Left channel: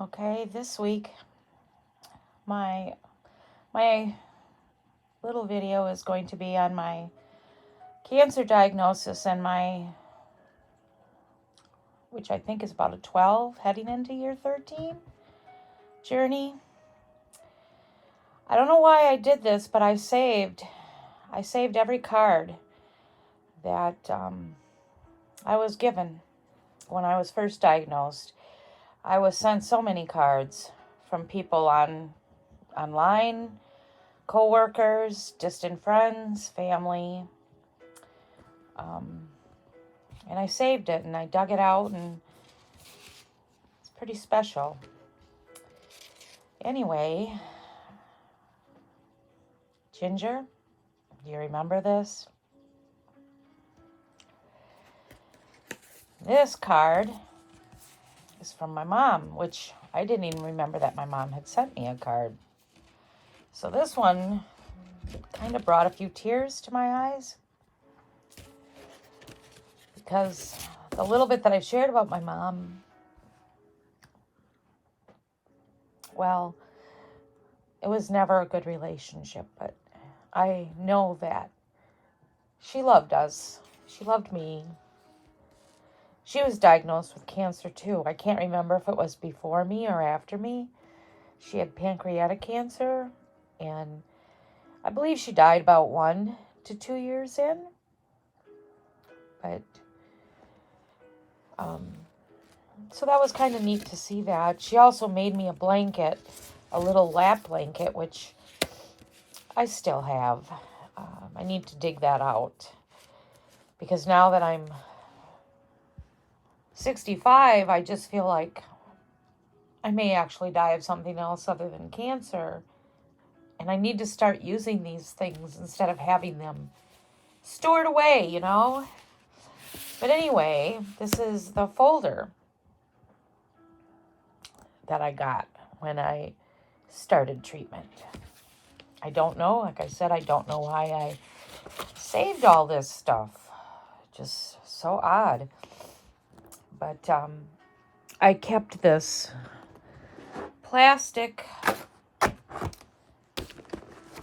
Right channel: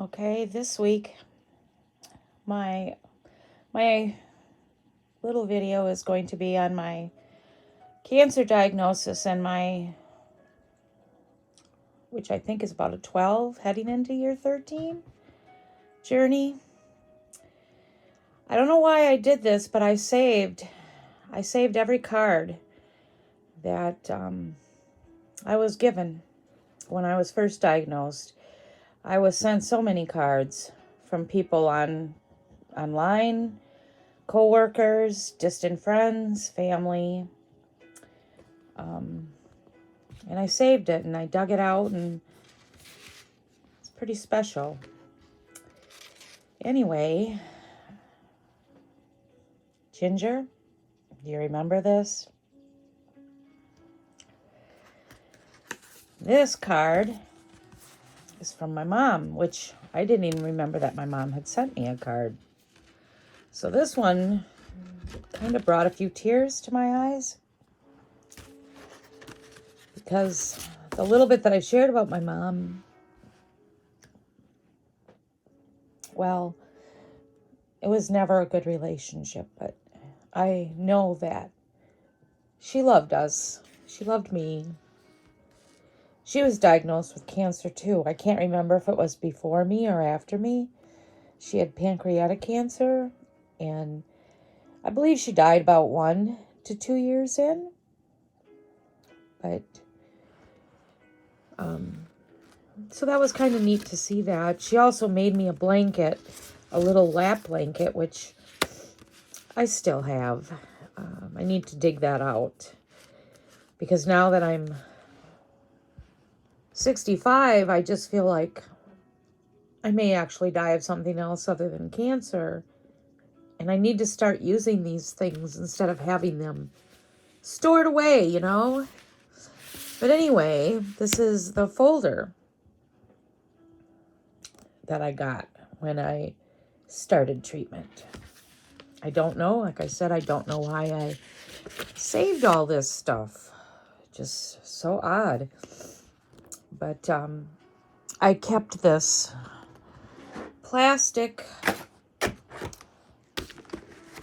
Okay, this week my little video is going to be on my cancer diagnosis and which I think is about a 12 heading into year 13 journey. I don't know why I did this, but I saved every card that I was given when I was first diagnosed. I was sent so many cards from people online, co-workers, distant friends, family. And I saved it and I dug it out, and it's pretty special. Anyway, Ginger, do you remember this? This card is from my mom, which I didn't even remember that my mom had sent me a card. So this one kind of brought a few tears to my eyes, because the little bit that I've shared about my mom, well, it was never a good relationship, but I know that she loved us. She loved me. She was diagnosed with cancer too. I can't remember if it was before me or after me. She had pancreatic cancer, and I believe she died about 1 to 2 years in. But so that was kind of neat to see that. She also made me a blanket, a little lap blanket, which I still have. I need to dig that out, because now that I'm 65, I just feel like I may actually die of something else other than cancer. And I need to start using these things instead of having them stored away, you know? But anyway, this is the folder that I got when I started treatment. I don't know. Like I said, I don't know why I saved all this stuff. Just so odd. But I kept this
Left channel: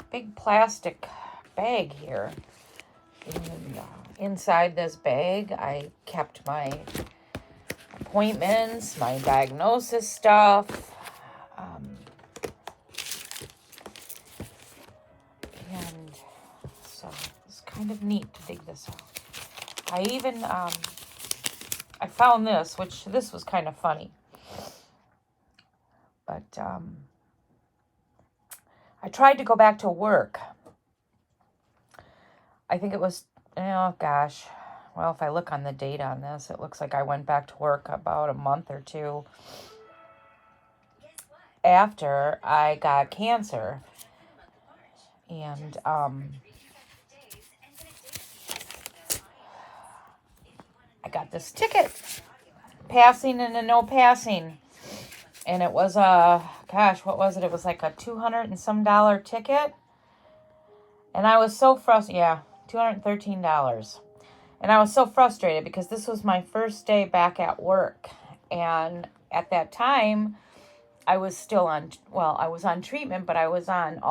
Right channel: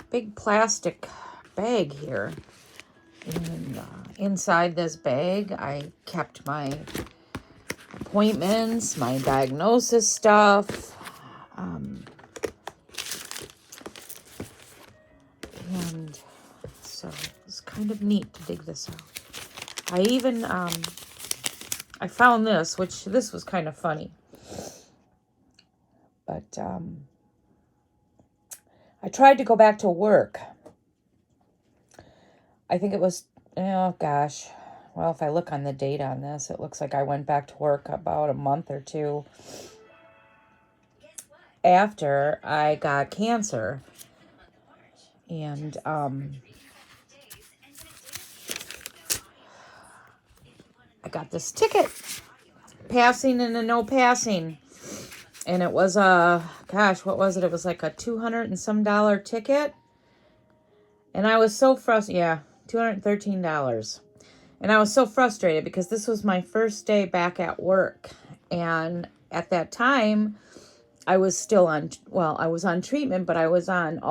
big plastic bag here. And inside this bag, I kept my appointments, my diagnosis stuff, and so it's kind of neat to dig this out. I even I found this, which this was kind of funny, but I tried to go back to work. I think it was, oh gosh, well, if I look on the date on this, it looks like I went back to work about a month or two after I got cancer. And I got this ticket, passing and a no passing. And it was gosh, what was it? It was like a $200 and some ticket. And I was so frustrated. Yeah, $213. And I was so frustrated because this was my first day back at work. And at that time, I was still on, well, I was on treatment, but I was on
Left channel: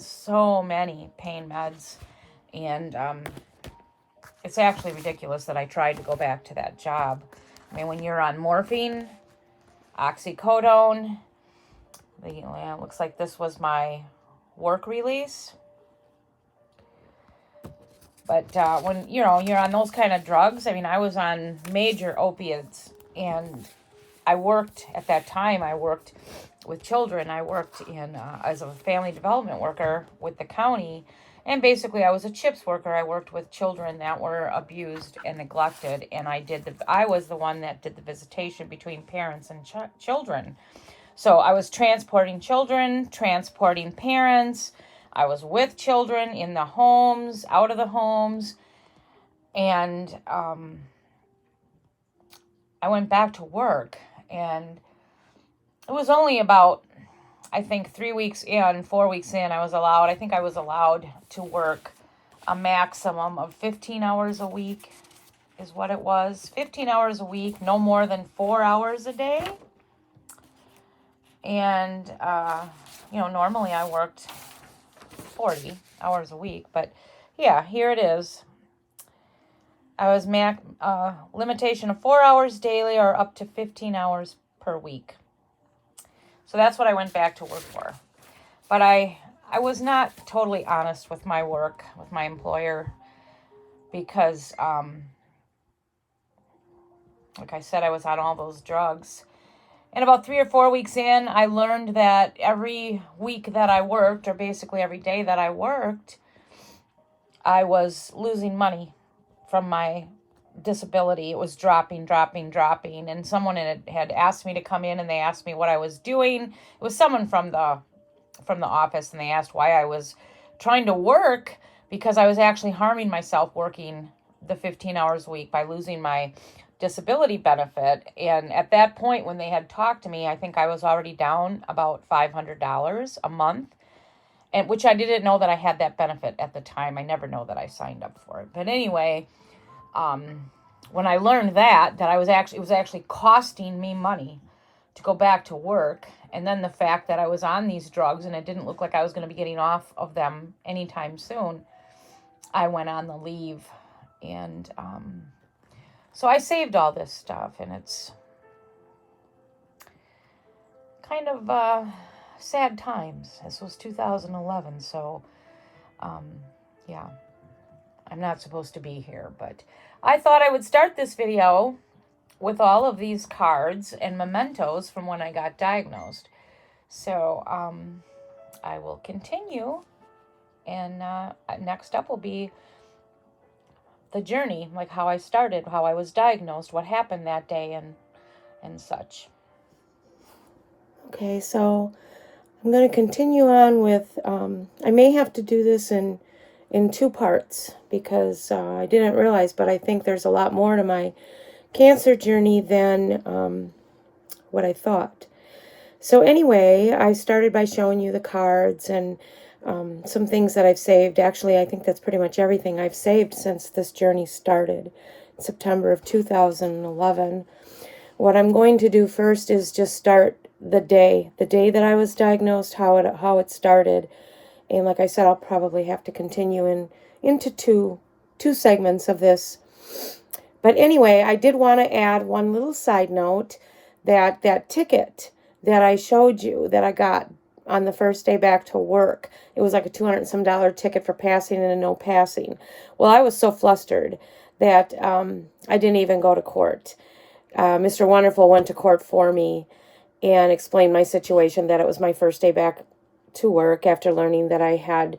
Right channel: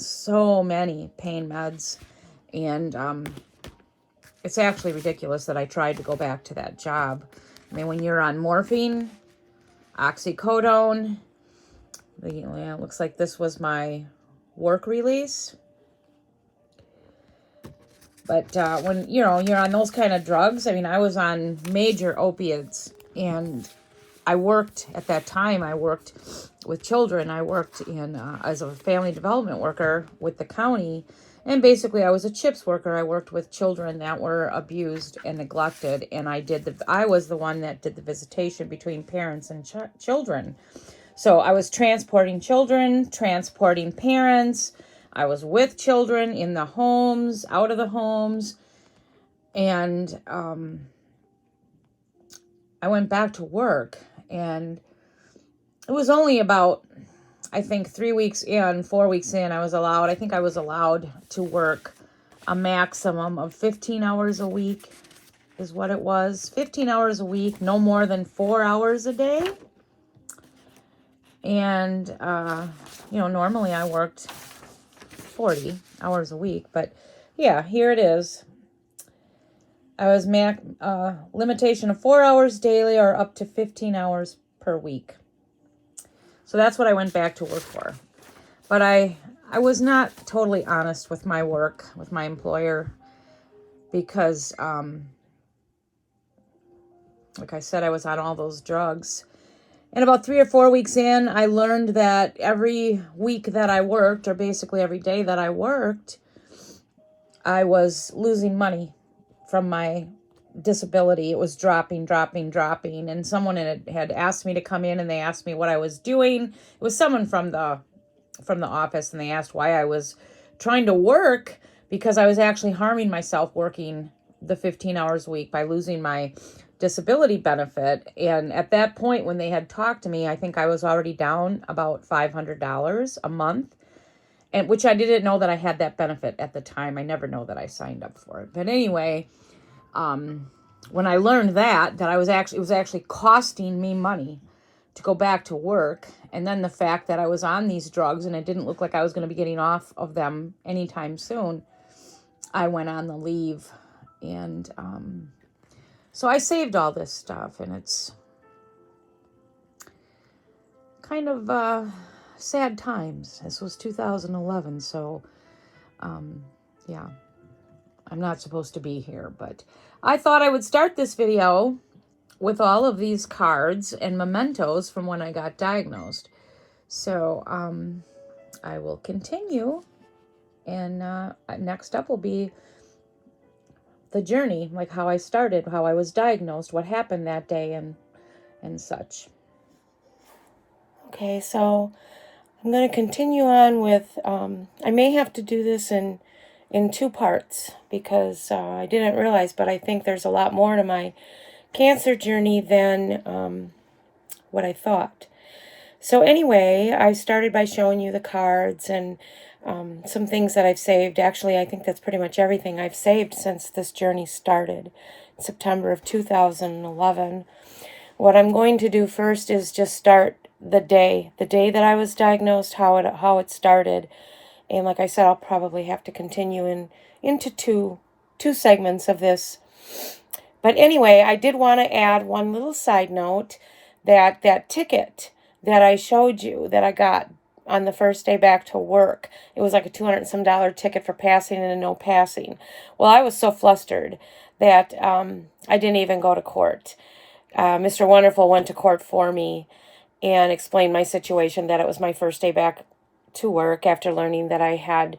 so many pain meds. And it's actually ridiculous that I tried to go back to that job. I mean, when you're on morphine, oxycodone, it looks like this was my work release. But when, you're on those kind of drugs, I mean, I was on major opiates, and I worked with children. I worked as a family development worker with the county, and basically I was a CHIPS worker. I worked with children that were abused and neglected, and I was the one that did the visitation between parents and children. So I was transporting children, transporting parents. I was with children in the homes, out of the homes, and I went back to work, and it was only about, I think 4 weeks in, I was allowed to work a maximum of 15 hours a week is what it was. 15 hours a week, no more than 4 hours a day. And, normally I worked 40 hours a week, but yeah, here it is. I was limitation of 4 hours daily or up to 15 hours per week. So that's what I went back to work for. But I was not totally honest with my work, with my employer, because, like I said, I was on all those drugs. And about 3 or 4 weeks in, I learned that every week that I worked, or basically every day that I worked, I was losing money from my disability. It was dropping. And someone had asked me to come in, and they asked me what I was doing. It was someone from the office, and they asked why I was trying to work, because I was actually harming myself working the 15 hours a week by losing my disability benefit. And at that point, when they had talked to me, I think I was already down about $500 a month, and which I didn't know that I had that benefit at the time. I never know that I signed up for it. But anyway, when I learned that it was actually costing me money to go back to work, and then the fact that I was on these drugs and it didn't look like I was going to be getting off of them anytime soon, I went on the leave. And so I saved all this stuff, and it's kind of sad times. This was 2011, so yeah, I'm not supposed to be here, but I thought I would start this video with all of these cards and mementos from when I got diagnosed. So I will continue, and next up will be the journey, like how I started, how I was diagnosed, what happened that day, and such. Okay, so I'm going to continue on with, I may have to do this in 2 parts, because I didn't realize, but I think there's a lot more to my cancer journey than what I thought. So anyway, I started by showing you the cards and some things that I've saved. Actually, I think that's pretty much everything I've saved since this journey started in September of 2011. What I'm going to do first is just start the day that I was diagnosed, how it started. And like I said, I'll probably have to continue into two segments of this. But anyway, I did want to add one little side note, that ticket that I showed you that I got on the first day back to work, it was like a $200 and some ticket for passing and a no passing. Well, I was so flustered that I didn't even go to court. Mr. Wonderful went to court for me and explained my situation, that it was my first day back to work after learning that I had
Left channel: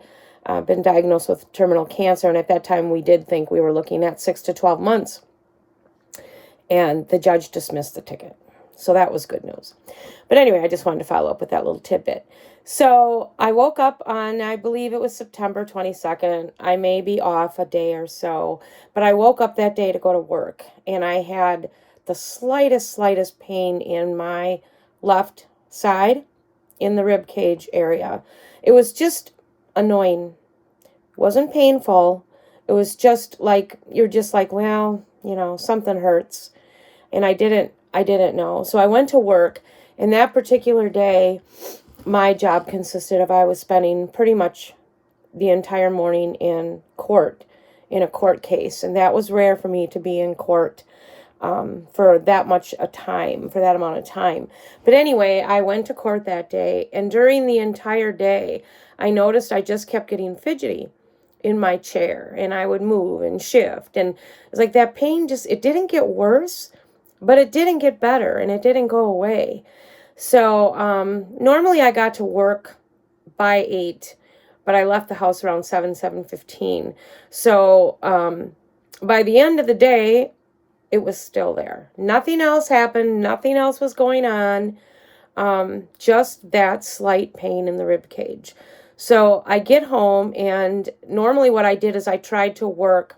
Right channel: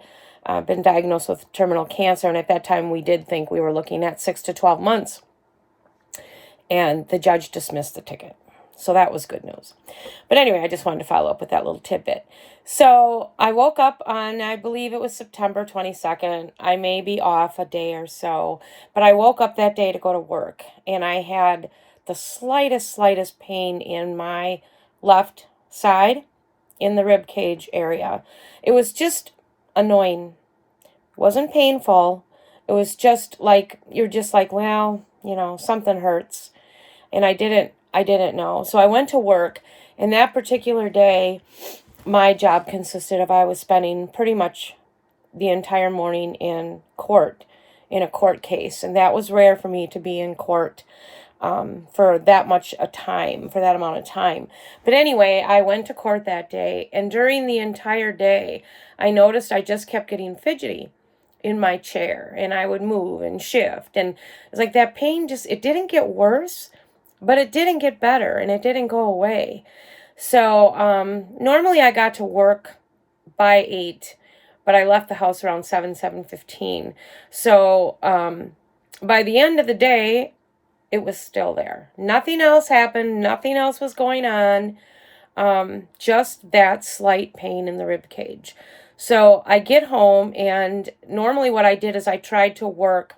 been diagnosed with terminal cancer. And at that time, we did think we were looking at 6 to 12 months. And the judge dismissed the ticket. So that was good news. But anyway, I just wanted to follow up with that little tidbit. So I woke up on, I believe it was September 22nd. I may be off a day or so, but I woke up that day to go to work, and I had the slightest pain in my left side in the rib cage area. It was just annoying. It wasn't painful. It was just like, you're just like, well, something hurts. And I didn't know. So I went to work, and that particular day, my job consisted of, I was spending pretty much the entire morning in court, in a court case. And that was rare for me to be in court for that amount of time. But anyway, I went to court that day, and during the entire day, I noticed I just kept getting fidgety in my chair, and I would move and shift. And it's like that pain it didn't get worse, but it didn't get better, and it didn't go away. So normally I got to work by 8, but I left the house around 7:15. So by the end of the day, it was still there. Nothing else happened. Nothing else was going on. Just that slight pain in the rib cage. So I get home, and normally what I did is I tried to work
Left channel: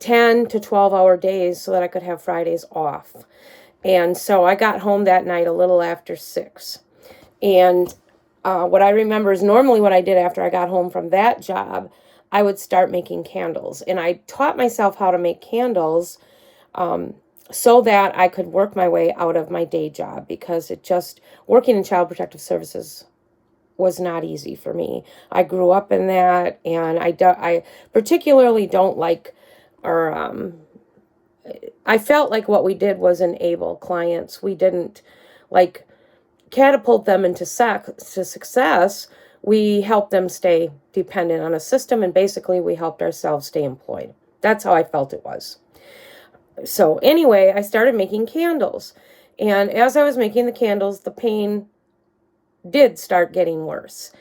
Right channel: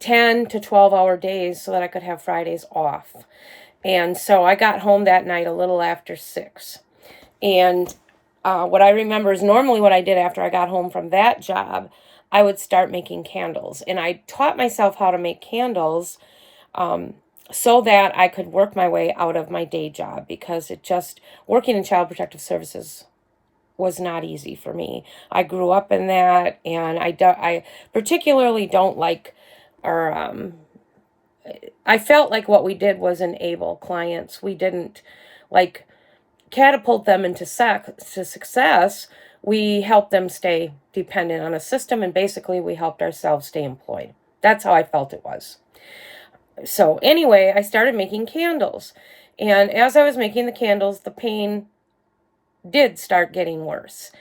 10 to 12-hour days so that I could have Fridays off. And so I got home that night a little after 6. And what I remember is normally what I did after I got home from that job, I would start making candles. And I taught myself how to make candles so that I could work my way out of my day job, because working in Child Protective Services was not easy for me. I grew up in that, and I particularly don't like, or I felt like what we did was enable clients. We didn't like catapult them into success. We helped them stay dependent on a system, and basically we helped ourselves stay employed. That's how I felt it was. So anyway, I started making candles. And as I was making the candles, the pain did start getting worse.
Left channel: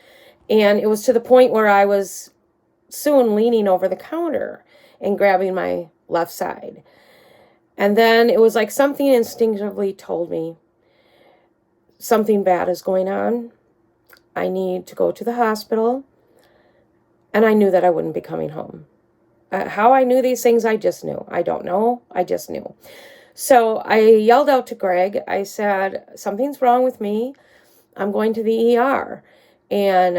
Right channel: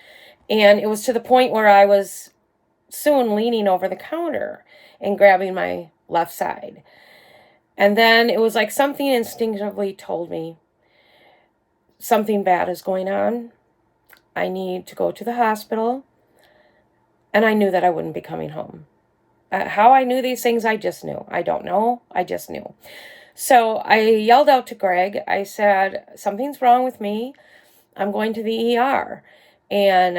And it was to the point where I was soon leaning over the counter and grabbing my left side. And then it was like something instinctively told me something bad is going on. I need to go to the hospital. And I knew that I wouldn't be coming home. How I knew these things, I just knew. I don't know. I just knew. So I yelled out to Greg. I said, something's wrong with me. I'm going to the ER. And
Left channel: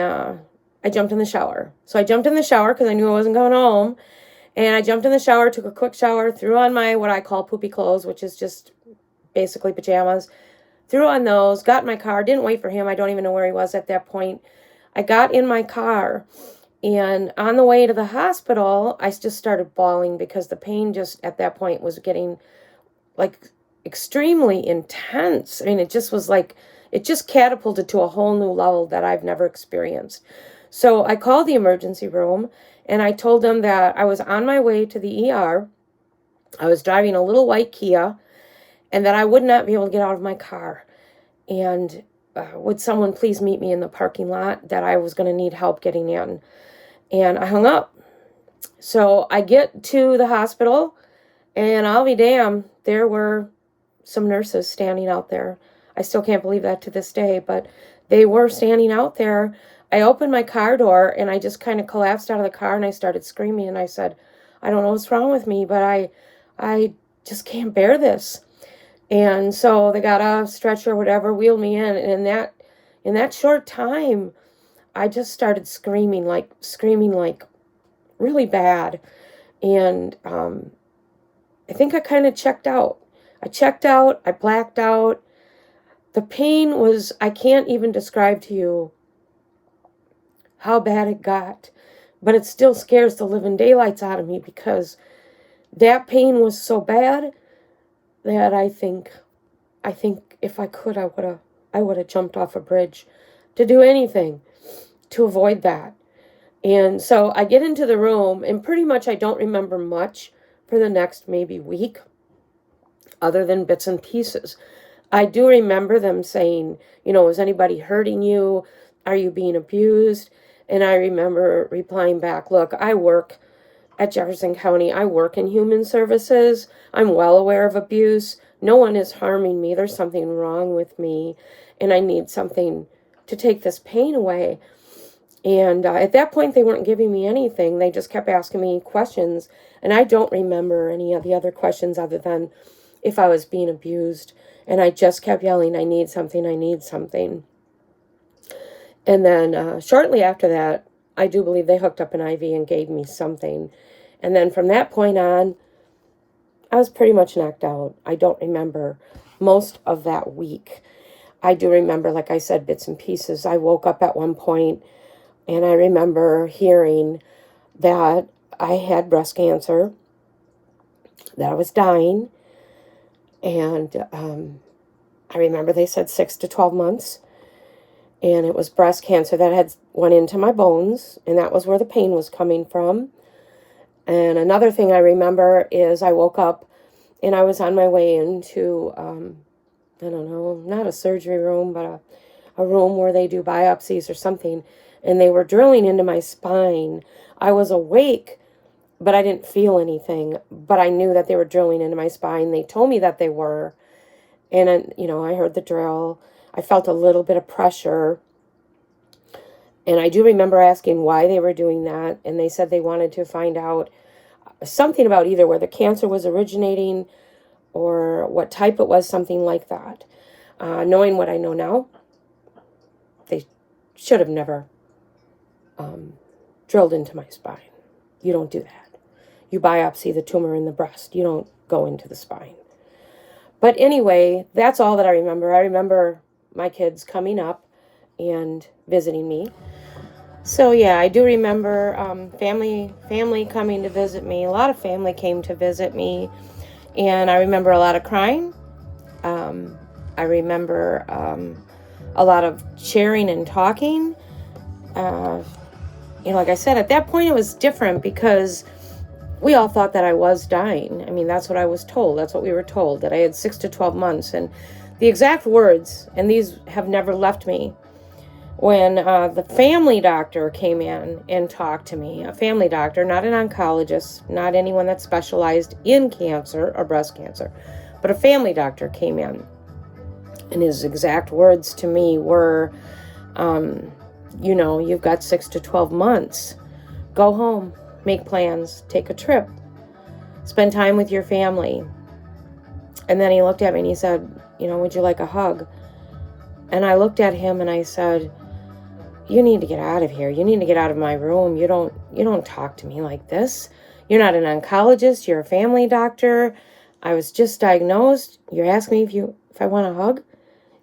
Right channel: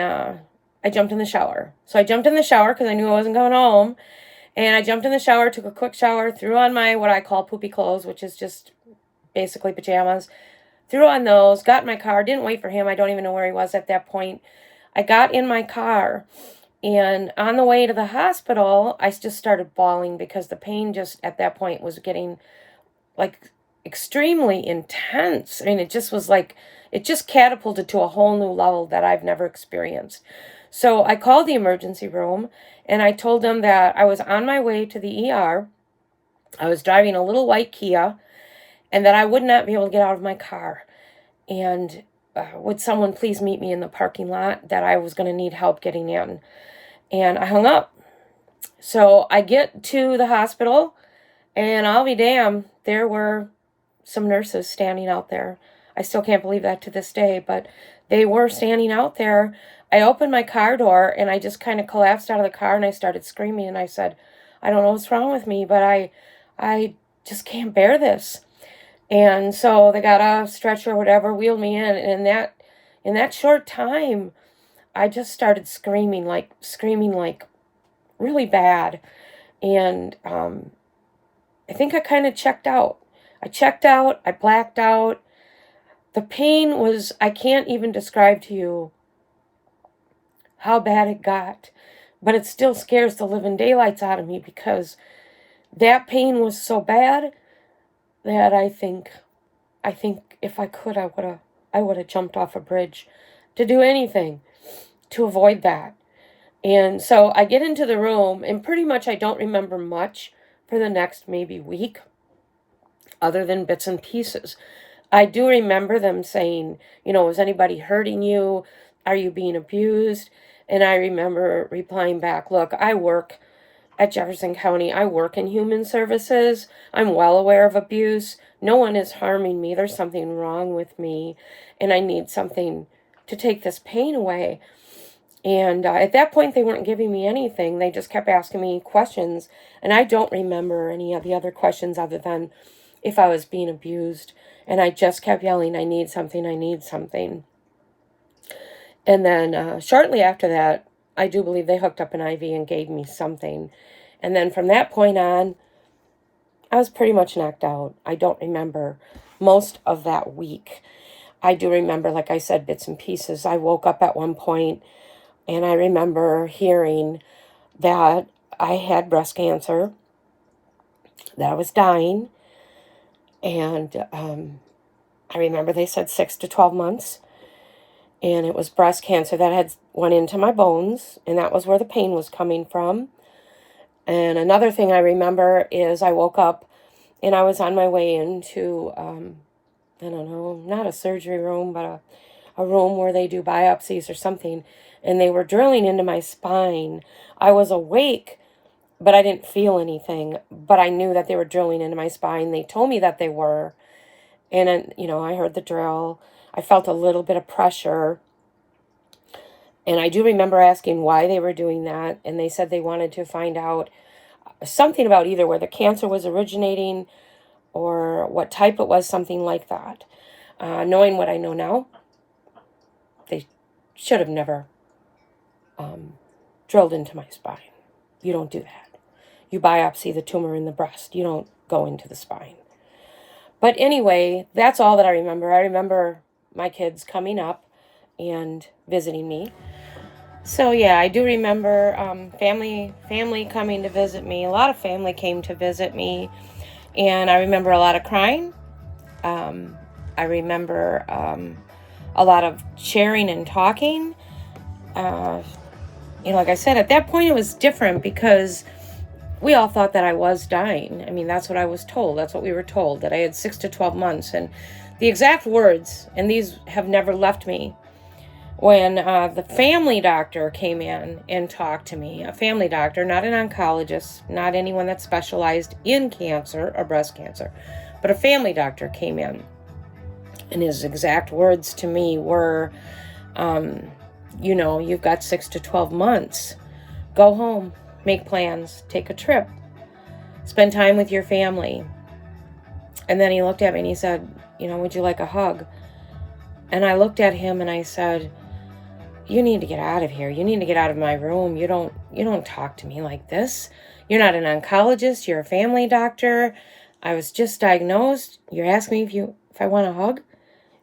I jumped in the shower. So I jumped in the shower because I knew I wasn't coming home. And I jumped in the shower, took a quick shower, threw on my what I call poopy clothes, which is just basically pajamas. Threw on those, got in my car, didn't wait for him. I don't even know where he was at that point. I got in my car. And on the way to the hospital, I just started bawling because the pain just at that point was getting like extremely intense. I mean, it just was like, it just catapulted to a whole new level that I've never experienced. So I called the emergency room and I told them that I was on my way to the ER. I was driving a little white Kia and that I would not be able to get out of my car. And would someone please meet me in the parking lot, that I was going to need help getting in. And I hung up. So I get to the hospital, and I'll be damned, there were some nurses standing out there. I still can't believe that to this day, but they were standing out there. I opened my car door, and I just kind of collapsed out of the car, and I started screaming, and I said, I don't know what's wrong with me, but I just can't bear this. And so they got a stretcher or whatever, wheeled me in, and in that short time, I just started screaming like really bad. And I think I kind of checked out. I blacked out. The pain was, I can't even describe to you how bad it got, but it still scares the living daylights out of me because that pain was so bad that I think if I could, I would have jumped off a bridge to do anything to avoid that. And so I get into the room, and pretty much I don't remember much for the next maybe week, other than bits and pieces. I do remember them saying, is anybody hurting you? Are you being abused? And I remember replying back, look, I work at Jefferson County. I work in human services. I'm well aware of abuse. No one is harming me. There's something wrong with me, and I need something to take this pain away. And at that point, they weren't giving me anything. They just kept asking me questions. And I don't remember any of the other questions other than if I was being abused. And I just kept yelling, I need something, I need something. And then shortly after that, I do believe they hooked up an IV and gave me something. And then from that point on, I was pretty much knocked out. I don't remember most of that week. I do remember, like I said, bits and pieces. I woke up at one point, and I remember hearing that I had breast cancer, that I was dying. And I remember they said 6 to 12 months. And it was breast cancer that had went into my bones. And that was where the pain was coming from. And another thing I remember is I woke up and I was on my way into, I don't know, not a surgery room, but a room where they do biopsies or something. And they were drilling into my spine. I was awake, but I didn't feel anything. But I knew that they were drilling into my spine. They told me that they were. And, I heard the drill. I felt a little bit of pressure. And I do remember asking why they were doing that. And they said they wanted to find out something about either where the cancer was originating or what type it was, something like that. Knowing what I know now, they should have never drilled into my spine. You don't do that. You biopsy the tumor in the breast. You don't go into the spine. But anyway, that's all that I remember. I remember my kids coming up and visiting me. So yeah, I do remember family coming to visit me. A lot of family came to visit me, and I remember a lot of crying. I remember a lot of sharing and talking. Like I said, at that point it was different because we all thought that I was dying. I mean, that's what I was told. That's what we were told, that I had 6 to 12 months. And the exact words, and these have never left me, when the family doctor came in and talked to me, a family doctor, not an oncologist, not anyone that specialized in cancer or breast cancer, but a family doctor came in. And his exact words to me were, you've got 6 to 12 months. Go home, make plans, take a trip, spend time with your family. And then he looked at me and he said, would you like a hug? And I looked at him and I said, you need to get out of here. You need to get out of my room. You don't talk to me like this. You're not an oncologist. You're a family doctor. I was just diagnosed. You're asking me if I want a hug?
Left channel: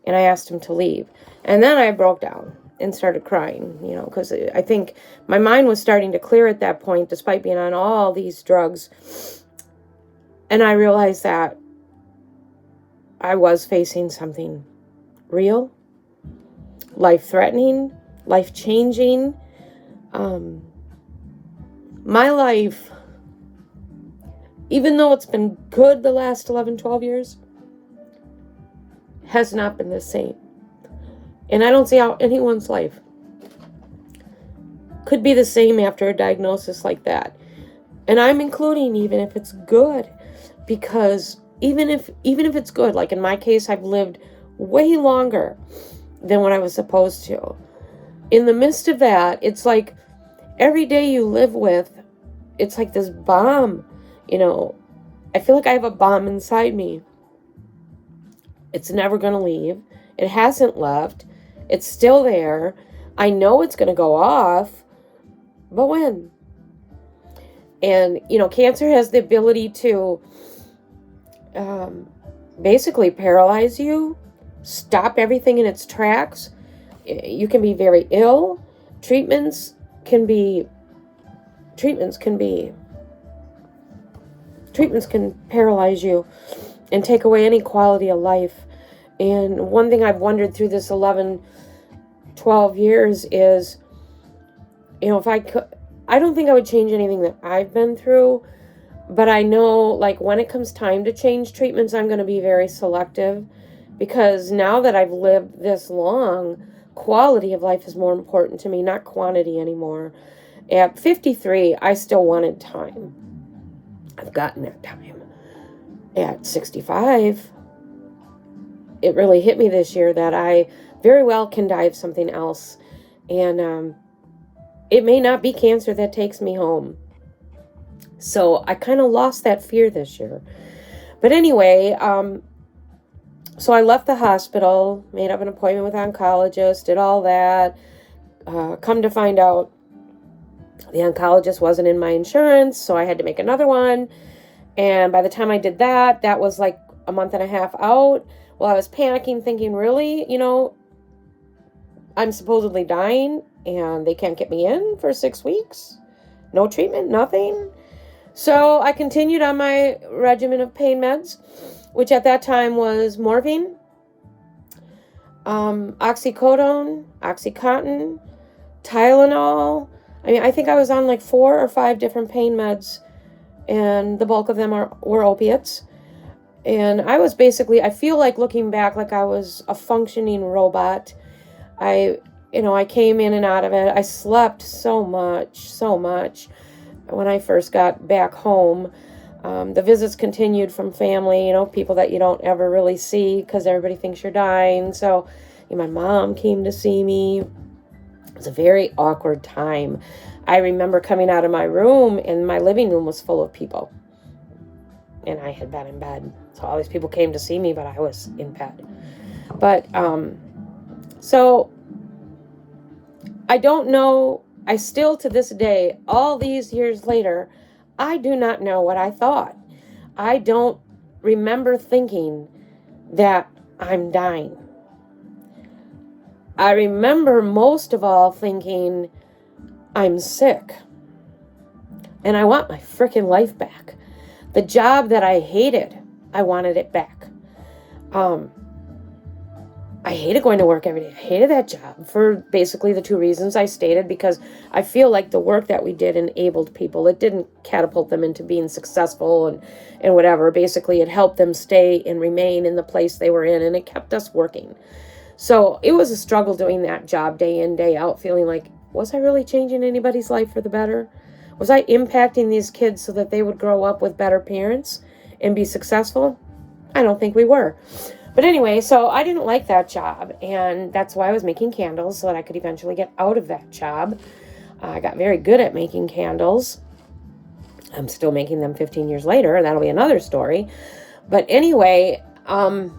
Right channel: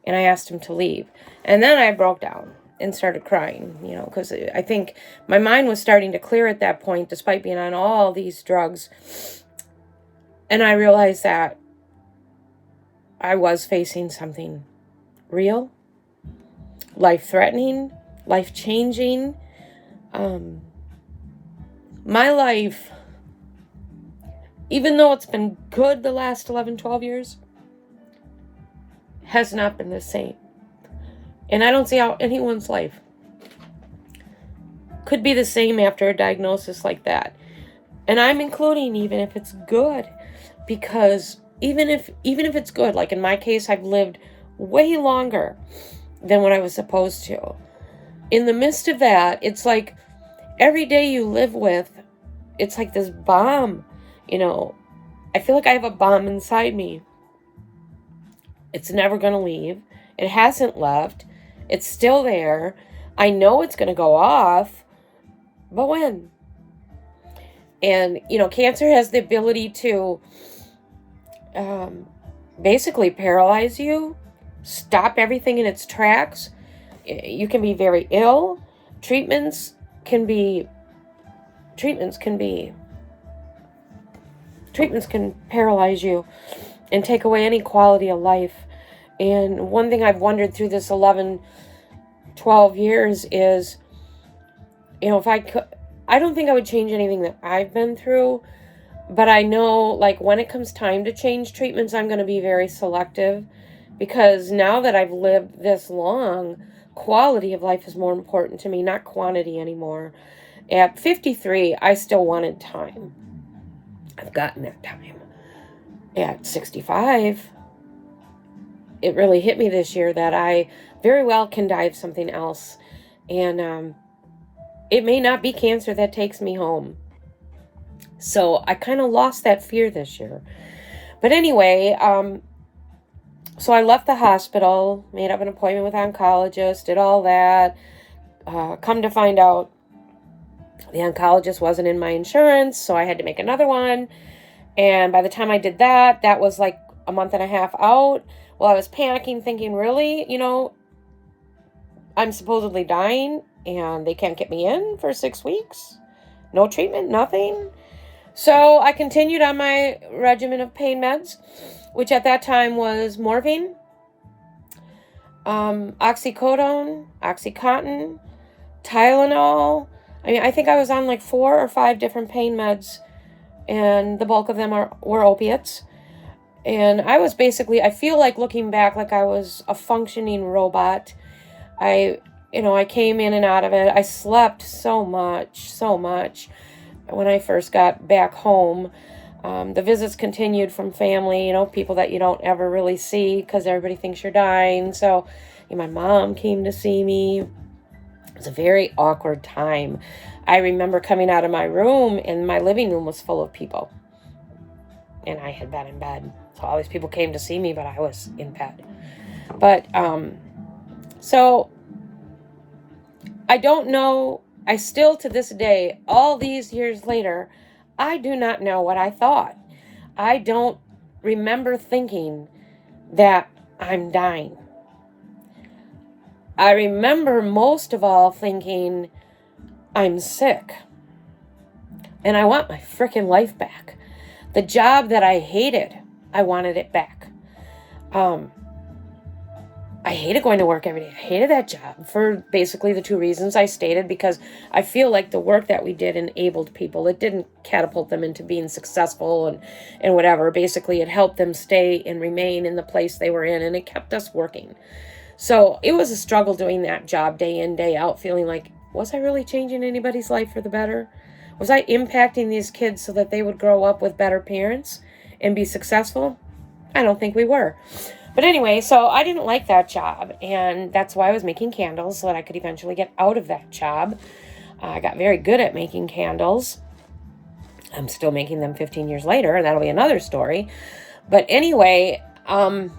And I asked him to leave. And then I broke down and started crying, because I think my mind was starting to clear at that point, despite being on all these drugs. And I realized that I was facing something real, life-threatening, life-changing. My life, even though it's been good the last 11, 12 years, has not been the same. And I don't see how anyone's life could be the same after a diagnosis like that. And I'm including even if it's good, because even if it's good, like in my case, I've lived way longer than what I was supposed to. In the midst of that, it's like every day you live with, it's like this bomb, I feel like I have a bomb inside me. It's never going to leave. It hasn't left. It's still there. I know it's going to go off, but when? And, cancer has the ability to basically paralyze you, stop everything in its tracks. You can be very ill. Treatments can paralyze you and take away any quality of life. And one thing I've wondered through this 11, 12 years is, if I could, I don't think I would change anything that I've been through, but I know, like, when it comes time to change treatments, I'm going to be very selective, because now that I've lived this long, quality of life is more important to me, not quantity anymore. At 53, I still wanted time. I've gotten that time. At 65, it really hit me this year that I very well can die of something else. And it may not be cancer that takes me home. So I kind of lost that fear this year. But anyway, so I left the hospital, made up an appointment with an oncologist, did all that. Come to find out, the oncologist wasn't in my insurance, so I had to make another one. And by the time I did that, that was like a month and a half out. Well, I was panicking, thinking, really, I'm supposedly dying and they can't get me in for 6 weeks? No treatment, nothing? So I continued on my regimen of pain meds, which at that time was morphine, oxycodone, Oxycontin, Tylenol. I think I was on like 4 or 5 different pain meds, and the bulk of them were opiates. And I was basically, I feel like looking back, like I was a functioning robot. I came in and out of it. I slept so much when I first got back home. The visits continued from family, people that you don't ever really see because everybody thinks you're dying. So my mom came to see me. It was a very awkward time. I remember coming out of my room and my living room was full of people. And I had been in bed. So all these people came to see me, but I was in bed. But, so I don't know. I still, to this day, all these years later, I do not know what I thought. I don't remember thinking that I'm dying. I remember most of all thinking, I'm sick and I want my freaking life back. The job that I hated, I wanted it back. I hated going to work every day. I hated that job for basically the two reasons I stated, because I feel like the work that we did enabled people. It didn't catapult them into being successful and whatever. Basically, it helped them stay and remain in the place they were in, and it kept us working. So it was a struggle doing that job day in, day out, feeling like, was I really changing anybody's life for the better? Was I impacting these kids so that they would grow up with better parents and be successful? I don't think we were. But anyway, so I didn't like that job, and that's why I was making candles, so that I could eventually get out of that job. I got very good at making candles. I'm still making them 15 years later. That'll be another story. But anyway, that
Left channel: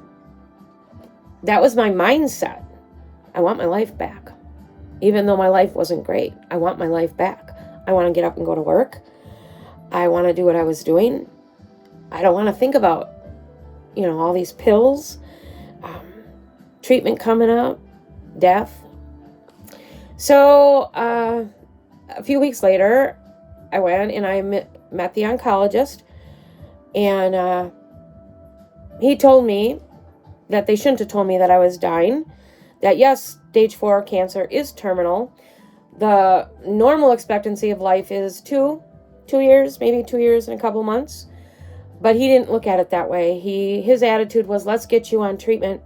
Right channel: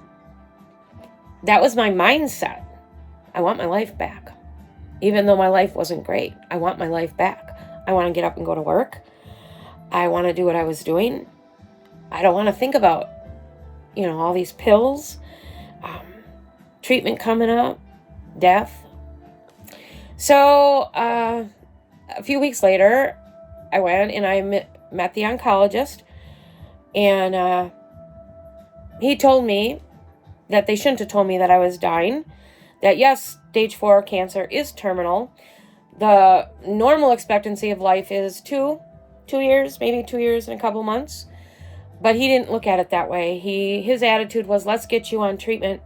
was my mindset. I want my life back. Even though my life wasn't great, I want my life back. I want to get up and go to work. I want to do what I was doing. I don't want to think about, all these pills, treatment coming up, death. So a few weeks later, I went and I met the oncologist, and he told me that they shouldn't have told me that I was dying, that yes, stage 4 cancer is terminal. The normal expectancy of life is 2 years, maybe 2 years and a couple months. But he didn't look at it that way. His attitude was, let's get you on treatment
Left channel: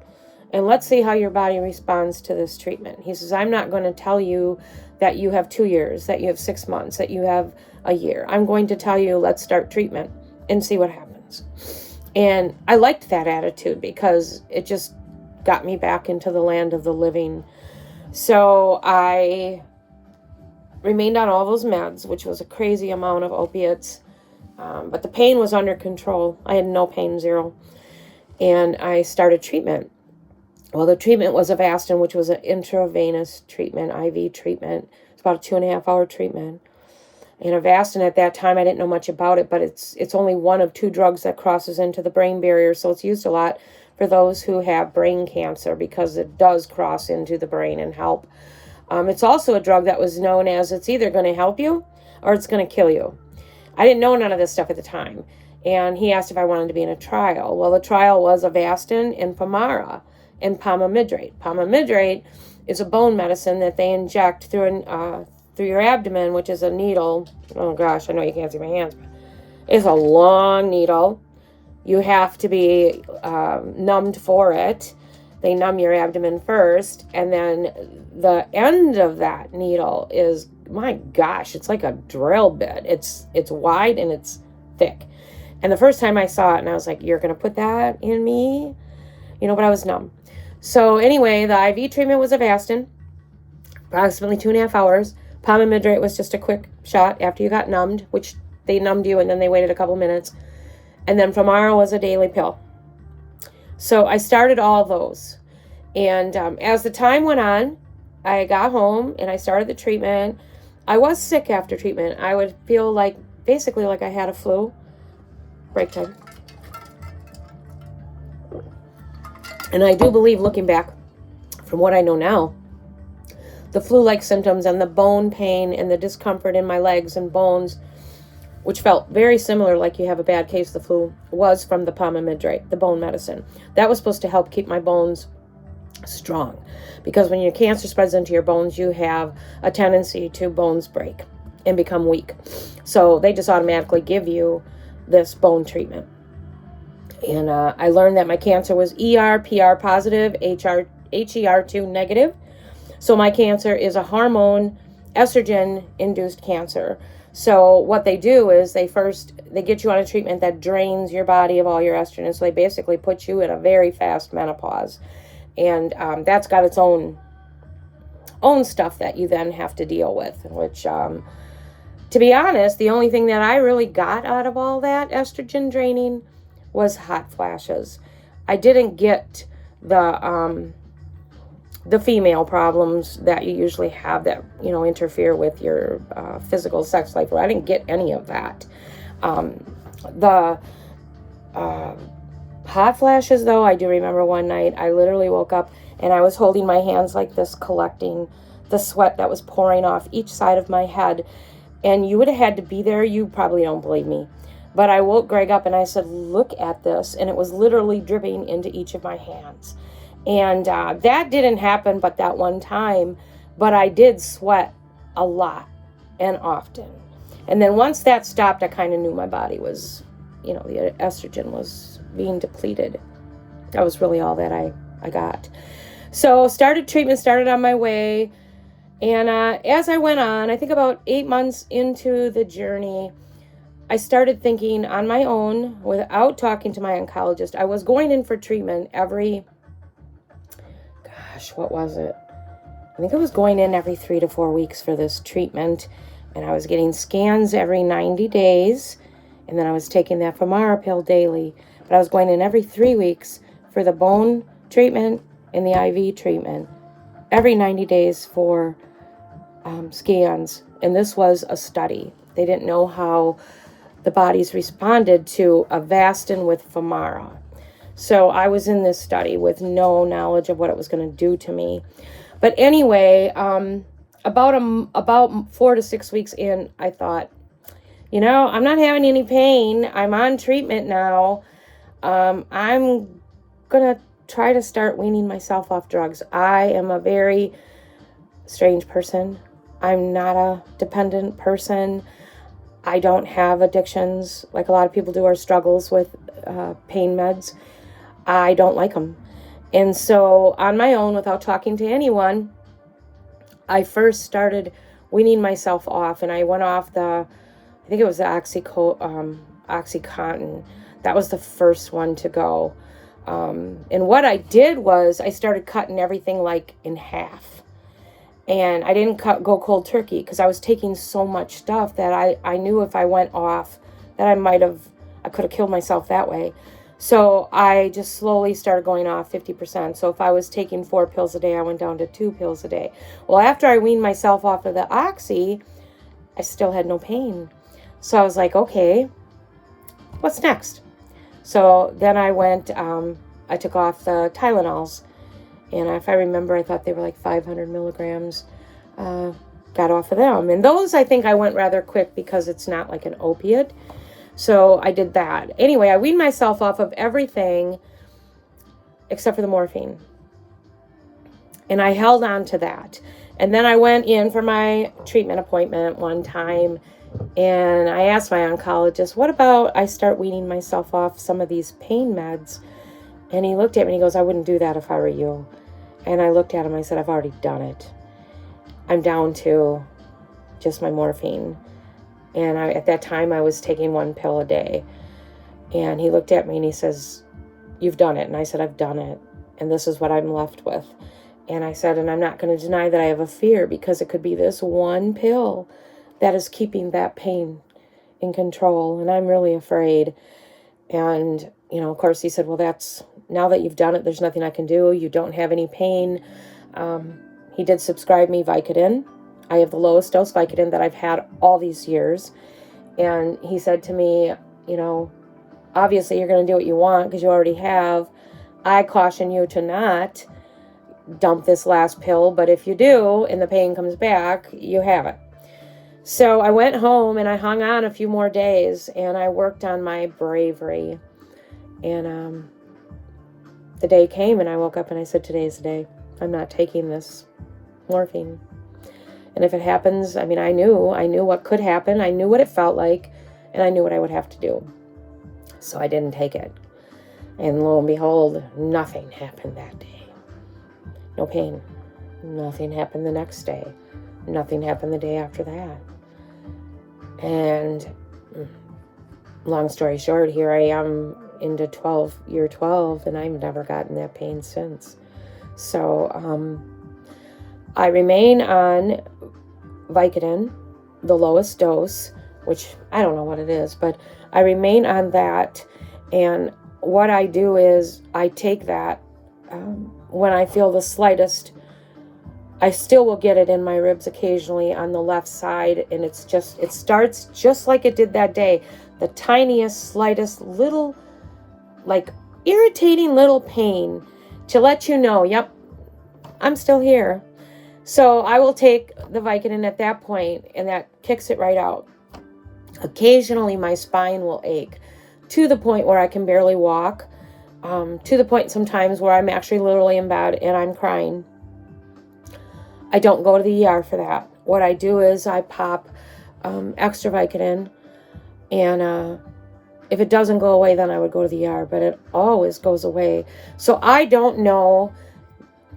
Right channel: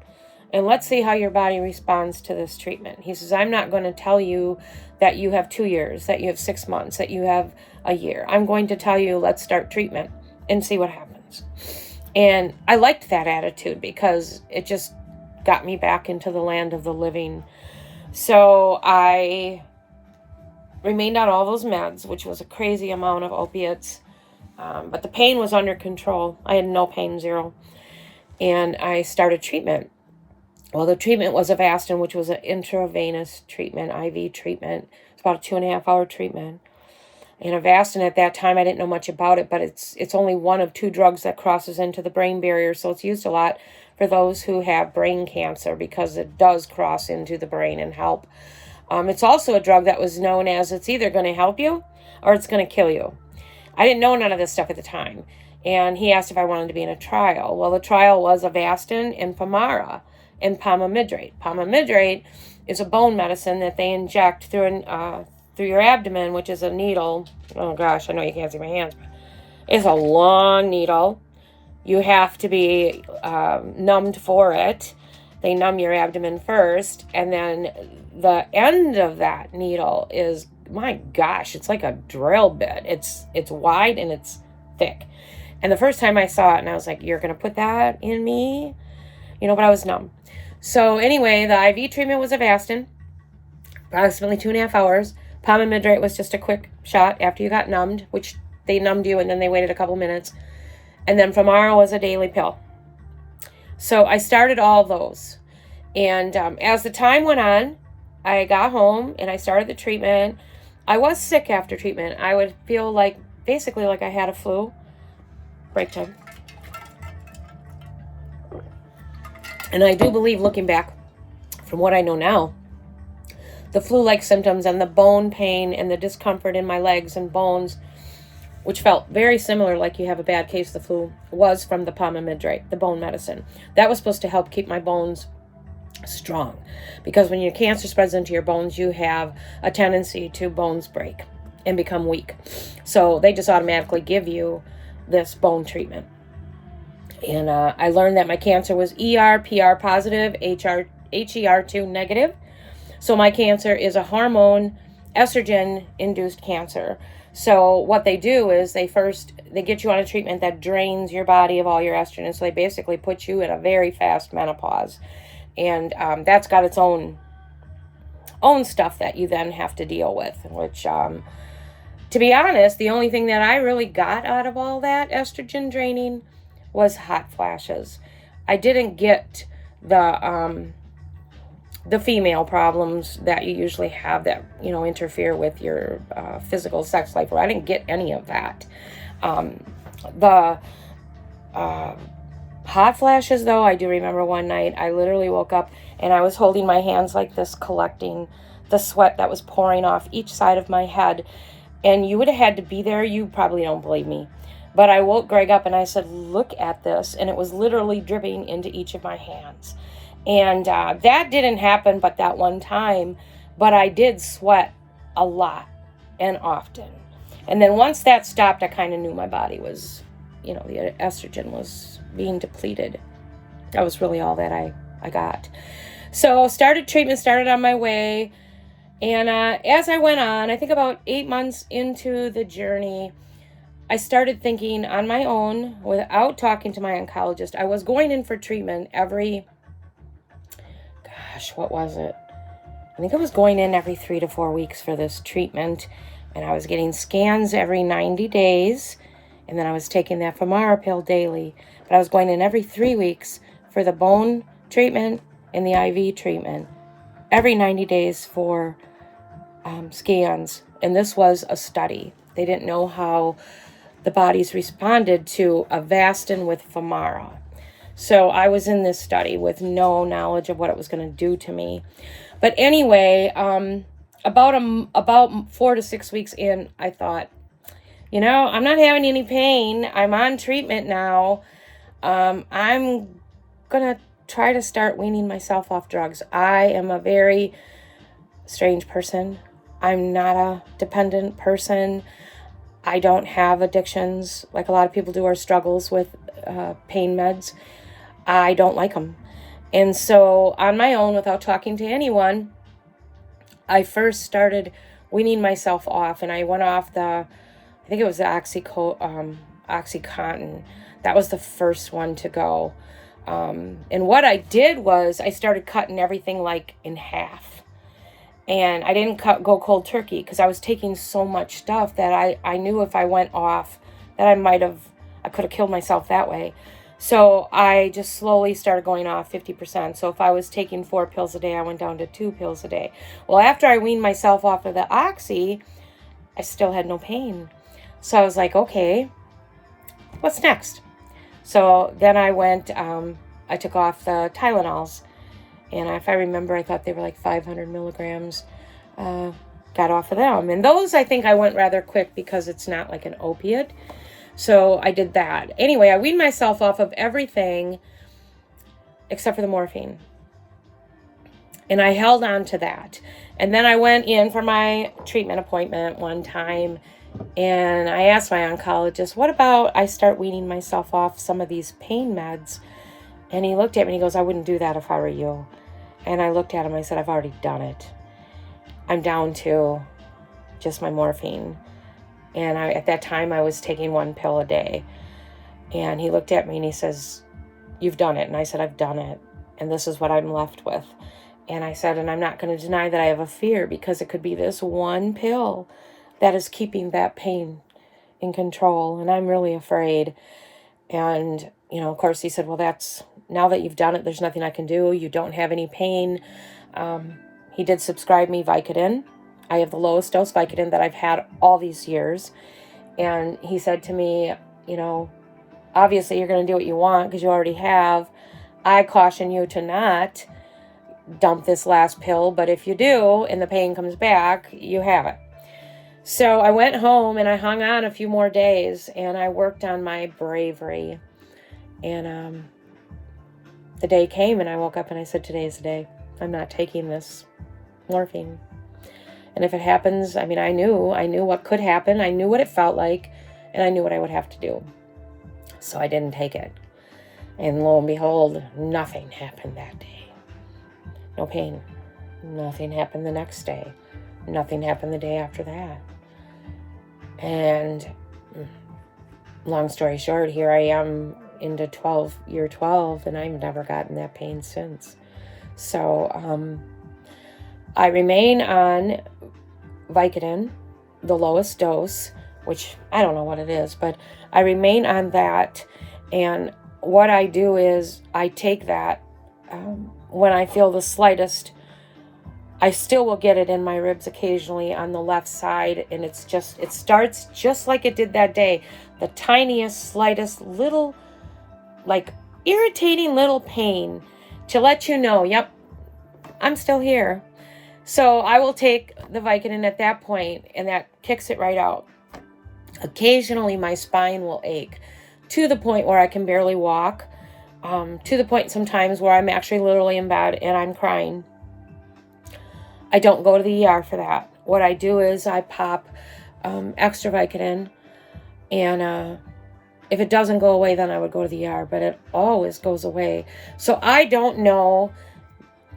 and let's see how your body responds to this treatment. He says, I'm not going to tell you that you have 2 years, that you have 6 months, that you have a year. I'm going to tell you, let's start treatment and see what happens. And I liked that attitude because it just got me back into the land of the living. So I remained on all those meds, which was a crazy amount of opiates. But the pain was under control. I had no pain, zero. And I started treatment. Well, the treatment was Avastin, which was an intravenous treatment, IV treatment. It's about a 2.5-hour treatment. And Avastin at that time, I didn't know much about it, but it's only one of 2 drugs that crosses into the brain barrier. So it's used a lot for those who have brain cancer because it does cross into the brain and help. It's also a drug that was known as it's either going to help you or it's going to kill you. I didn't know none of this stuff at the time. And he asked if I wanted to be in a trial. Well, the trial was Avastin and Femara and pomamidrate. Pomamidrate is a bone medicine that they inject through your abdomen, which is a needle. Oh gosh, I know you can't see my hands. It's a long needle. You have to be numbed for it. They numb your abdomen first, and then the end of that needle is, my gosh, it's like a drill bit. It's wide and it's thick. And the first time I saw it, and I was like, you're going to put that in me? But I was numb. So anyway, the IV treatment was Avastin, approximately 2.5 hours. Pomamidrate was just a quick shot after you got numbed, which they numbed you and then they waited a couple minutes. And then Femara was a daily pill. So I started all those. And as the time went on, I got home and I started the treatment. I was sick after treatment. I would feel basically like I had a flu. Break time. And I do believe, looking back from what I know now, the flu-like symptoms and the bone pain and the discomfort in my legs and bones, which felt very similar, like you have a bad case of the flu, was from the pomamidrate, the bone medicine. That was supposed to help keep my bones strong, because when your cancer spreads into your bones, you have a tendency to bones break and become weak. So they just automatically give you this bone treatment. And I learned that my cancer was ER, PR positive, HER2 negative. So my cancer is a hormone estrogen-induced cancer. So what they do is they get you on a treatment that drains your body of all your estrogen. So they basically put you in a very fast menopause. And that's got its own stuff that you then have to deal with, which, to be honest, the only thing that I really got out of all that estrogen draining was hot flashes. I didn't get the female problems that you usually have that, interfere with your physical sex life. Well, I didn't get any of that. The Hot flashes, though, I do remember one night I literally woke up and I was holding my hands like this, collecting the sweat that was pouring off each side of my head. And you would have had to be there. You probably don't believe me. But I woke Greg up and I said, look at this. And it was literally dripping into each of my hands. And that didn't happen but that one time. But I did sweat a lot and often. And then once that stopped, I kind of knew my body was, the estrogen was being depleted. That was really all that I got. So treatment started on my way. And as I went on, I think about 8 months into the journey, I started thinking on my own without talking to my oncologist. I was going in for treatment what was it? I think I was going in every 3 to 4 weeks for this treatment. And I was getting scans every 90 days. And then I was taking that Femara pill daily. But I was going in every 3 weeks for the bone treatment and the IV treatment. Every 90 days for scans. And this was a study. They didn't know how the bodies responded to Avastin with Femara. So I was in this study with no knowledge of what it was going to do to me. But anyway, about 4 to 6 weeks in, I thought, I'm not having any pain. I'm on treatment now. I'm going to try to start weaning myself off drugs. I am a very strange person. I'm not a dependent person. I don't have addictions like a lot of people do or struggles with pain meds. I don't like them. And so on my own, without talking to anyone, I first started weaning myself off. And I went off I think it was the Oxycontin. That was the first one to go. And what I did was I started cutting everything like in half. And I didn't go cold turkey because I was taking so much stuff that I knew if I went off that I could have killed myself that way. So I just slowly started going off 50%. So if I was taking 4 pills a day, I went down to 2 pills a day. Well, after I weaned myself off of the Oxy, I still had no pain. So I was like, okay, what's next? So then I went, I took off the Tylenols. And if I remember, I thought they were like 500 milligrams. Got off of them. And those, I think I went rather quick because it's not like an opiate. So I did that. Anyway, I weaned myself off of everything except for the morphine. And I held on to that. And then I went in for my treatment appointment one time. And I asked my oncologist, what about I start weaning myself off some of these pain meds? And he looked at me and he goes, I wouldn't do that if I were you. And I looked at him, I said, I've already done it. I'm down to just my morphine. And at that time, I was taking 1 pill a day. And he looked at me and he says, you've done it. And I said, I've done it. And this is what I'm left with. And I said, and I'm not going to deny that I have a fear because it could be this 1 pill that is keeping that pain in control. And I'm really afraid. And, of course, he said, well, now that you've done it, there's nothing I can do. You don't have any pain. He did prescribe me Vicodin. I have the lowest dose Vicodin that I've had all these years. And he said to me, obviously you're going to do what you want because you already have. I caution you to not dump this last pill, but if you do and the pain comes back, you have it. So I went home and I hung on a few more days and I worked on my bravery. And the day came and I woke up and I said, today's the day. I'm not taking this morphine. And if it happens, I knew what could happen. I knew what it felt like, and I knew what I would have to do. So I didn't take it. And lo and behold, nothing happened that day. No pain. Nothing happened the next day. Nothing happened the day after that. And long story short, here I am into year 12, and I've never gotten that pain since. So I remain on Vicodin, the lowest dose, which I don't know what it is, but I remain on that. And what I do is I take that when I feel the slightest. I still will get it in my ribs occasionally on the left side, and it starts just like it did that day. The tiniest, slightest little, like irritating little pain to let you know, yep, I'm still here. So I will take the Vicodin at that point, and that kicks it right out. Occasionally, my spine will ache to the point where I can barely walk, to the point sometimes where I'm actually literally in bed and I'm crying. I don't go to the ER for that. What I do is I pop extra Vicodin, and if it doesn't go away, then I would go to the ER, but it always goes away. So I don't know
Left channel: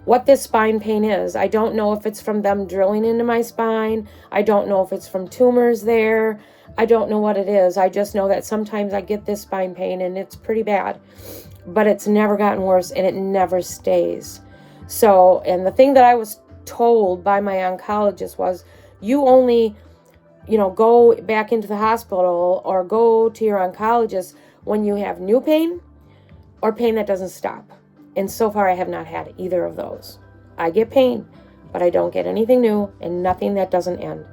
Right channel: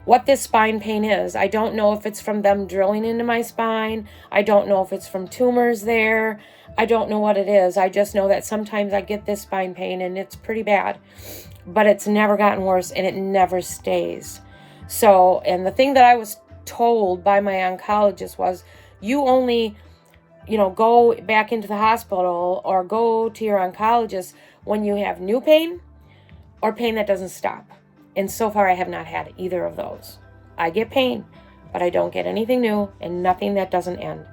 what this spine pain is. I don't know if it's from them drilling into my spine. I don't know if it's from tumors there. I don't know what it is. I just know that sometimes I get this spine pain and it's pretty bad, but it's never gotten worse and it never stays. So, and the thing that I was told by my oncologist was, you only, go back into the hospital or go to your oncologist when you have new pain or pain that doesn't stop. And so far, I have not had either of those. I get pain, but I don't get anything new and nothing that doesn't end.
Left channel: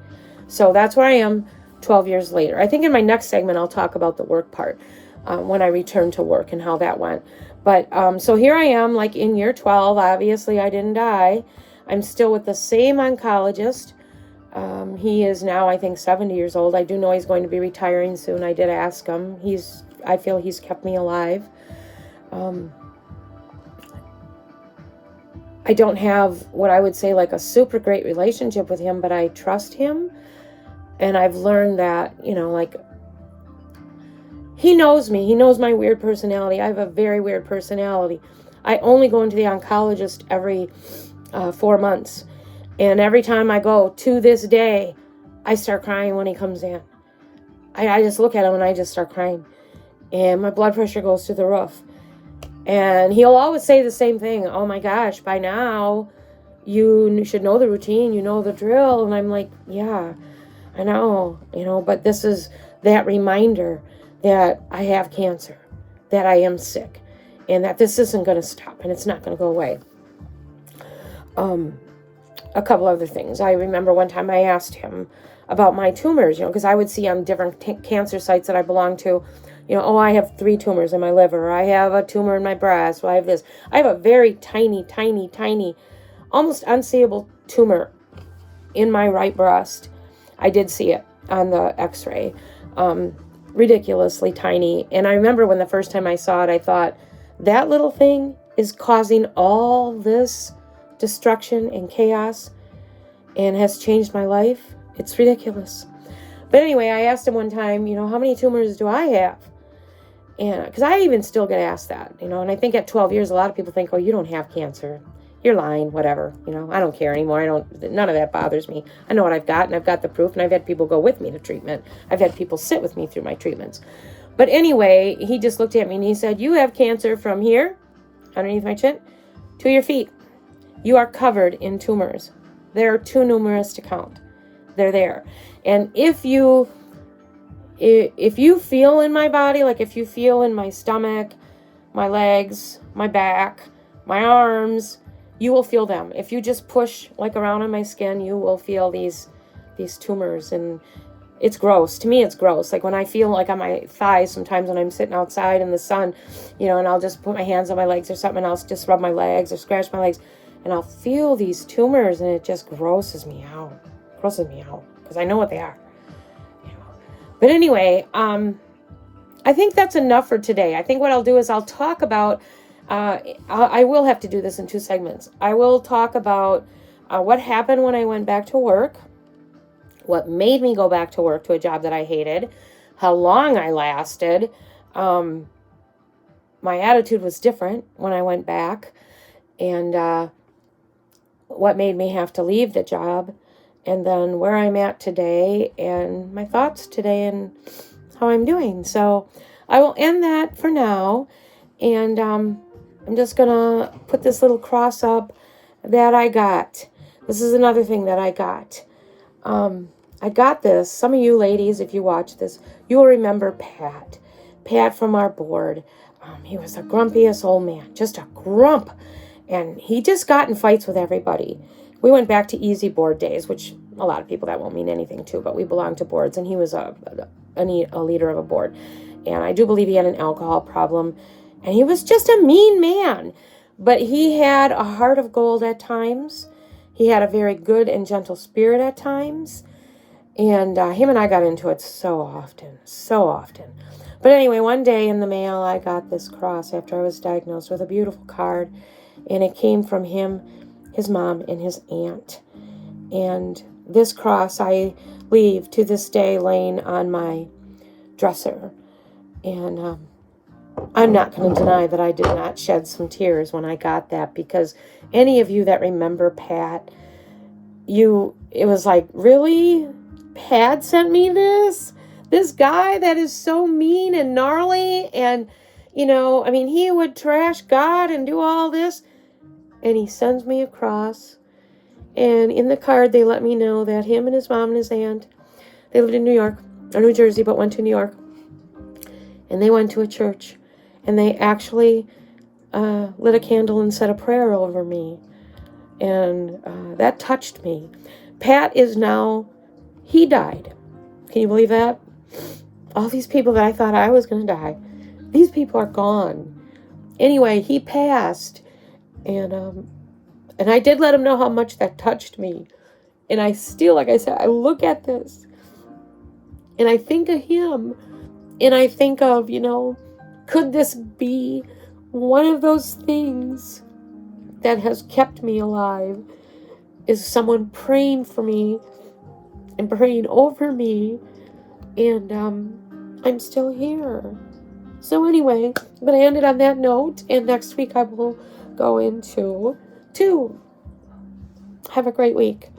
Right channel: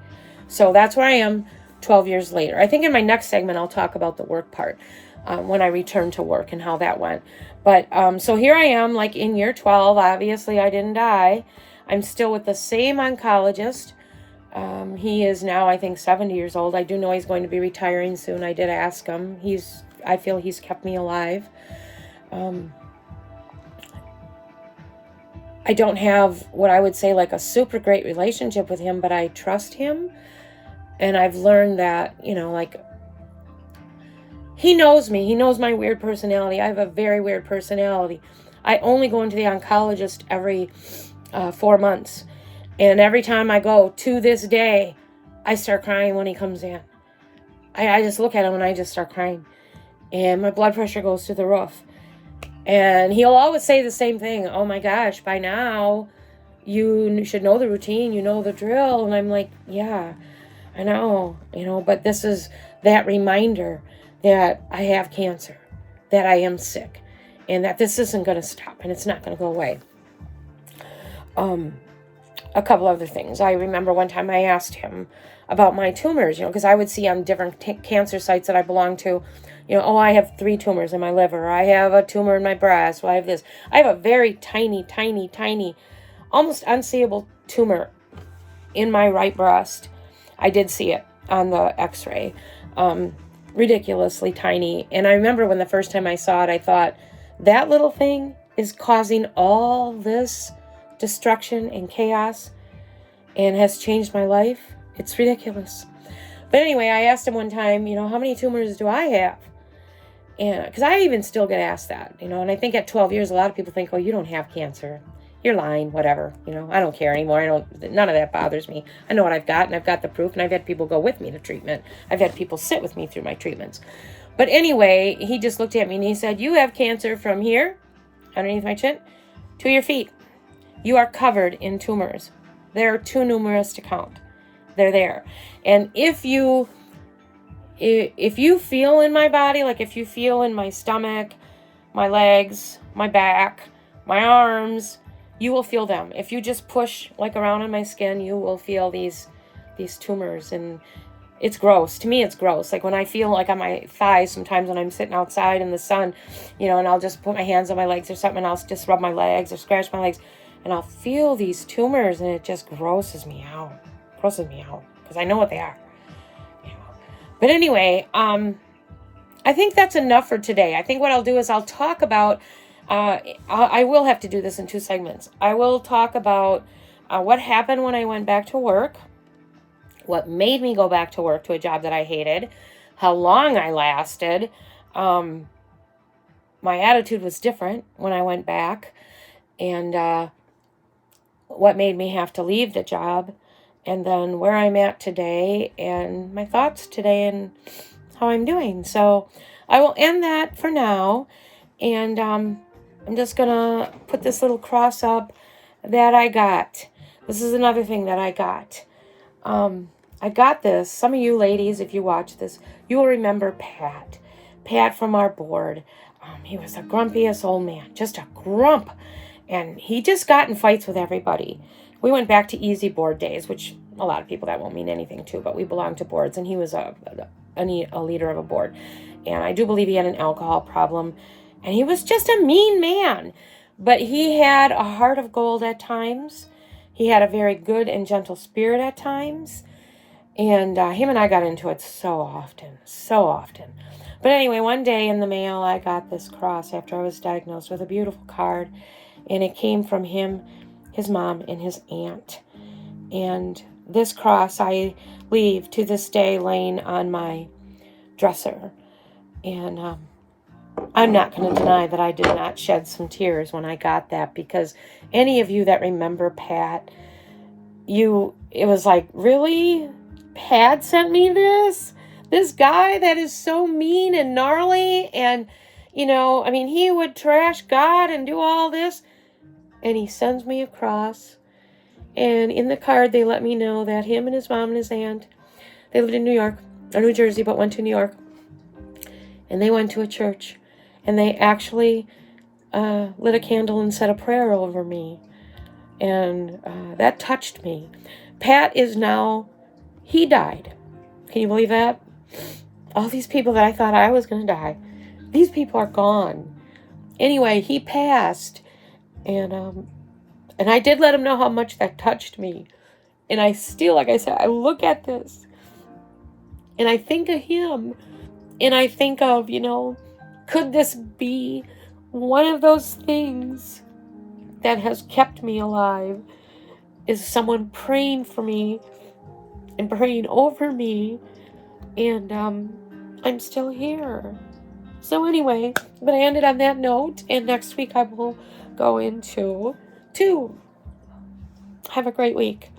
So that's where I am 12 years later. I think in my next segment, I'll talk about the work part when I return to work and how that went. But so here I am, like in year 12. Obviously, I didn't die. I'm still with the same oncologist. He is now, I think, 70 years old. I do know he's going to be retiring soon. I did ask him. I feel he's kept me alive. I don't have what I would say like a super great relationship with him, but I trust him. And I've learned that, he knows me. He knows my weird personality. I have a very weird personality. I only go into the oncologist every 4 months. And every time I go, to this day, I start crying when he comes in. I just look at him and I just start crying. And my blood pressure goes through the roof. And he'll always say the same thing. Oh my gosh, by now you should know the routine, you know the drill. And I'm like, yeah, I know, but this is that reminder that I have cancer, that I am sick, and that this isn't going to stop and it's not going to go away. A couple other things. I remember one time I asked him about my tumors, because I would see on different cancer sites that I belong to, I have 3 tumors in my liver. I have a tumor in my breast. Well, I have this. I have a very tiny, tiny, tiny, almost unseeable tumor in my right breast. I did see it on the x-ray. Ridiculously tiny. And I remember when the first time I saw it, I thought, that little thing is causing all this destruction and chaos and has changed my life. It's ridiculous. But anyway, I asked him one time, how many tumors do I have? And because I even still get asked that, and I think at 12 years, a lot of people think, oh, you don't have cancer. You're lying, whatever. I don't care anymore. None of that bothers me. I know what I've got, and I've got the proof, and I've had people go with me to treatment. I've had people sit with me through my treatments. But anyway, he just looked at me and he said, you have cancer from here, underneath my chin, to your feet. You are covered in tumors. They're too numerous to count. They're there. And if you feel in my body, like if you feel in my stomach, my legs, my back, my arms, you will feel them. If you just push like around on my skin, you will feel these tumors, and it's gross. To me, it's gross. Like when I feel like on my thighs, sometimes when I'm sitting outside in the sun, and I'll just put my hands on my legs or something, and I'll just rub my legs or scratch my legs, and I'll feel these tumors, and it just grosses me out. Because I know what they are. But anyway, I think that's enough for today. I think what I'll do is I'll talk about, I will have to do this in 2 segments. I will talk about what happened when I went back to work, what made me go back to work to a job that I hated, how long I lasted. My attitude was different when I went back, and what made me have to leave the job, and then where I'm at today, and my thoughts today, and how I'm doing. So I will end that for now, and I'm just going to put this little cross up that I got. This is another thing that I got. I got this. Some of you ladies, if you watch this, you will remember Pat. Pat from our board. He was the grumpiest old man, just a grump. And he just got in fights with everybody. We went back to easy board days, which a lot of people, that won't mean anything to, but we belonged to boards, and he was a leader of a board. And I do believe he had an alcohol problem. And he was just a mean man. But he had a heart of gold at times. He had a very good and gentle spirit at times. And him and I got into it so often. But anyway, one day in the mail, I got this cross after I was diagnosed with a beautiful card. And it came from him, his mom, and his aunt. And this cross I leave to this day laying on my dresser. And I'm not going to deny that I did not shed some tears when I got that, because any of you that remember Pat, it was like, really? Pat sent me this? This guy that is so mean and gnarly and, he would trash God and do all this. And he sends me a cross. And in the card, they let me know that him and his mom and his aunt, they lived in New York, or New Jersey, but went to New York. And they went to a church. And they actually lit a candle and said a prayer over me. And that touched me. Pat he died. Can you believe that? All these people that I thought I was going to die, these people are gone. Anyway, he passed. And I did let him know how much that touched me. And I still, like I said, I look at this and I think of him. And I think of, could this be one of those things that has kept me alive? Is someone praying for me and praying over me, and I'm still here. So anyway, but I ended on that note, and next week I will go into 2. Have a great week.